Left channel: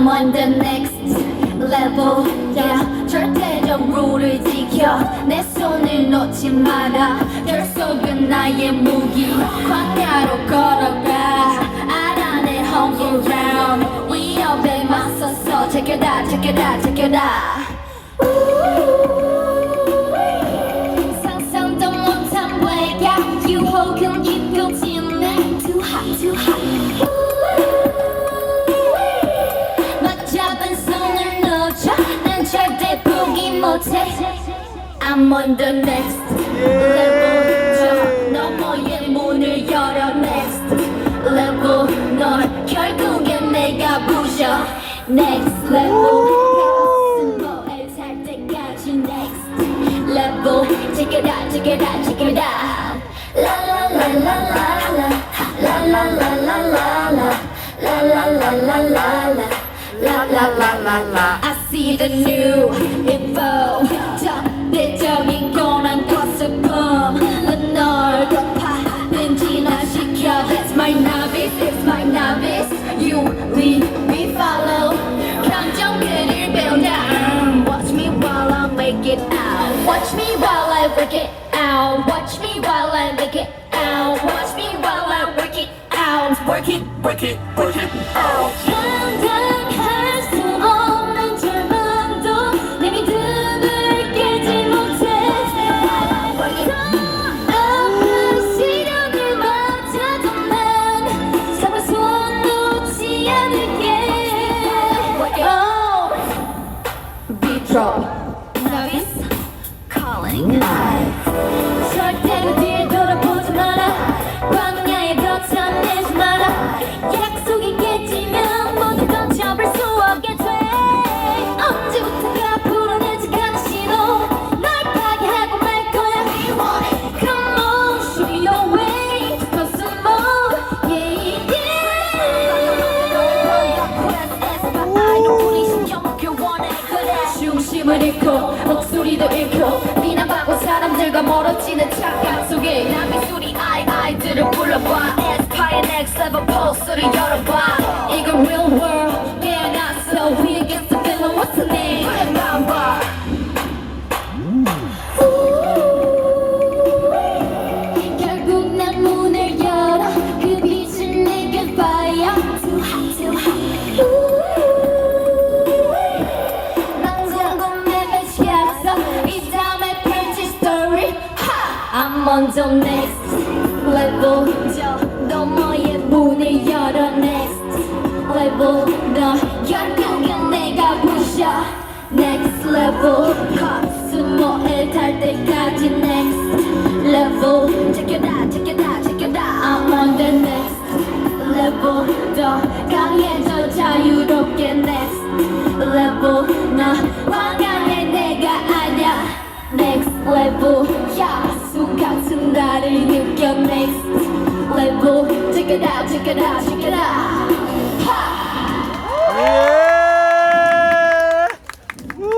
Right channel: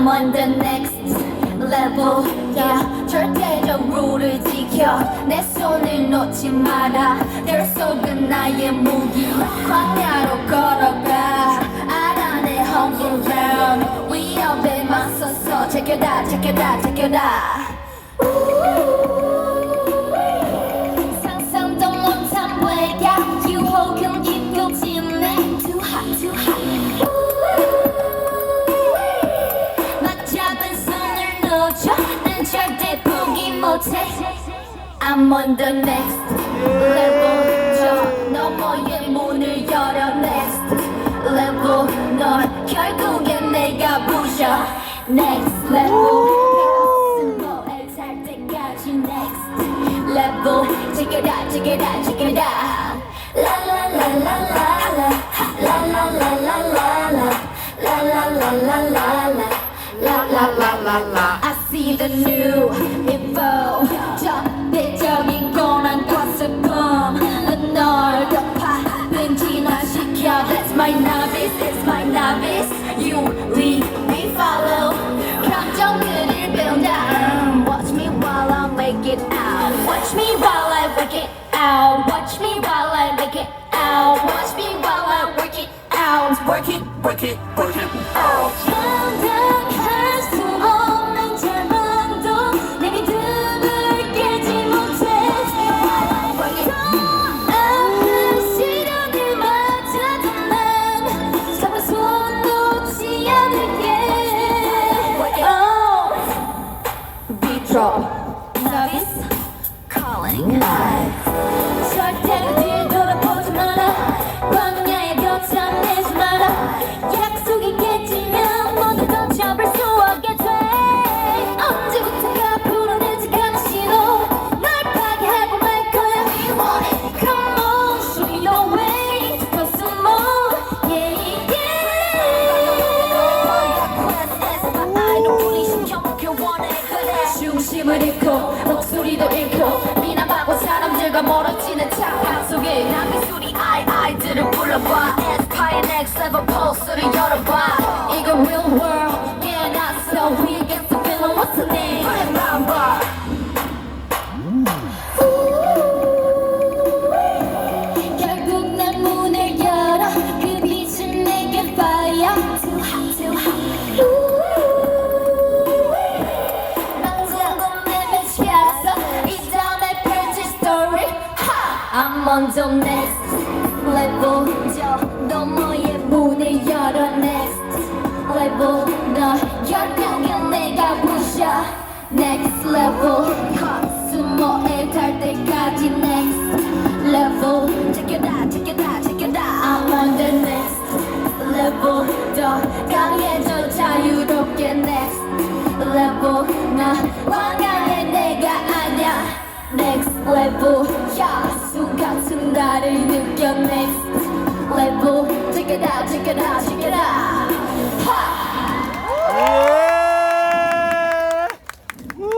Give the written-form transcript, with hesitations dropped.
I'm on the next level yeah. 절대적 룰을 지켜 내 손을 놓지 마라 널 속은 나의 무기 광야로 걸어가 알아 내 home ground 위협에 맞서서 check it out check it out check it out 상상도 못한 외곽 유혹은 깊어지네 too hot too hot 막 잡은 손을 놓쳐 난 절대 포기 못해 I'm on the next level 저 너머의 문을 열어 next level 널 결국엔 내가 부셔 next level 스노우에 탈 때까지 next level check it out check it out check it out la la la la la la la la la la la la la la la la La la la la la I see the new info 적대적인 고난과 슬픔 널 덮아 변진화시켜 That's my novice, it's my novice You lead me follow 감정들을 배운다 Watch me while I make it out Watch me while I work it out Watch me while I make it out Watch me while I work it out Work it, work it, work it out Drop novice calling 절대로 뒤를 돌아보지 마라 광야에 벼쳐내지 마라 약속이 깨지면 모두 던져볼 수 없게 돼 언제부턴가 불어내지 않은 신호 날 파괴하고 말 거야 We want it Come on show me the way Cause some more Yeah yeah I know 우리 신경 먹길 원해 그래 중심을 잃고 목소리도 잃고 비난받고 사람들과 멀어지는 착각 속에 남의 소리 아이들을 불러봐 Aspire next level pulse를 열어봐 이건 real world 깨어났어 We against the villain what's the name 그래만 봐 결국 난 문을 열어 그 빛은 내게 fire Too hot too hot I'm on the next level 저 너머의 문을 열어 next level 너 결국엔 내가 부셔 next level 스모에 달 때까지 next level check it out check it out check it out I'm on the next level 더 강해져 자유롭게 next level 너 황당해 내가 아냐 next level yeah 같은 나를 느껴 next level check it out check it out check it out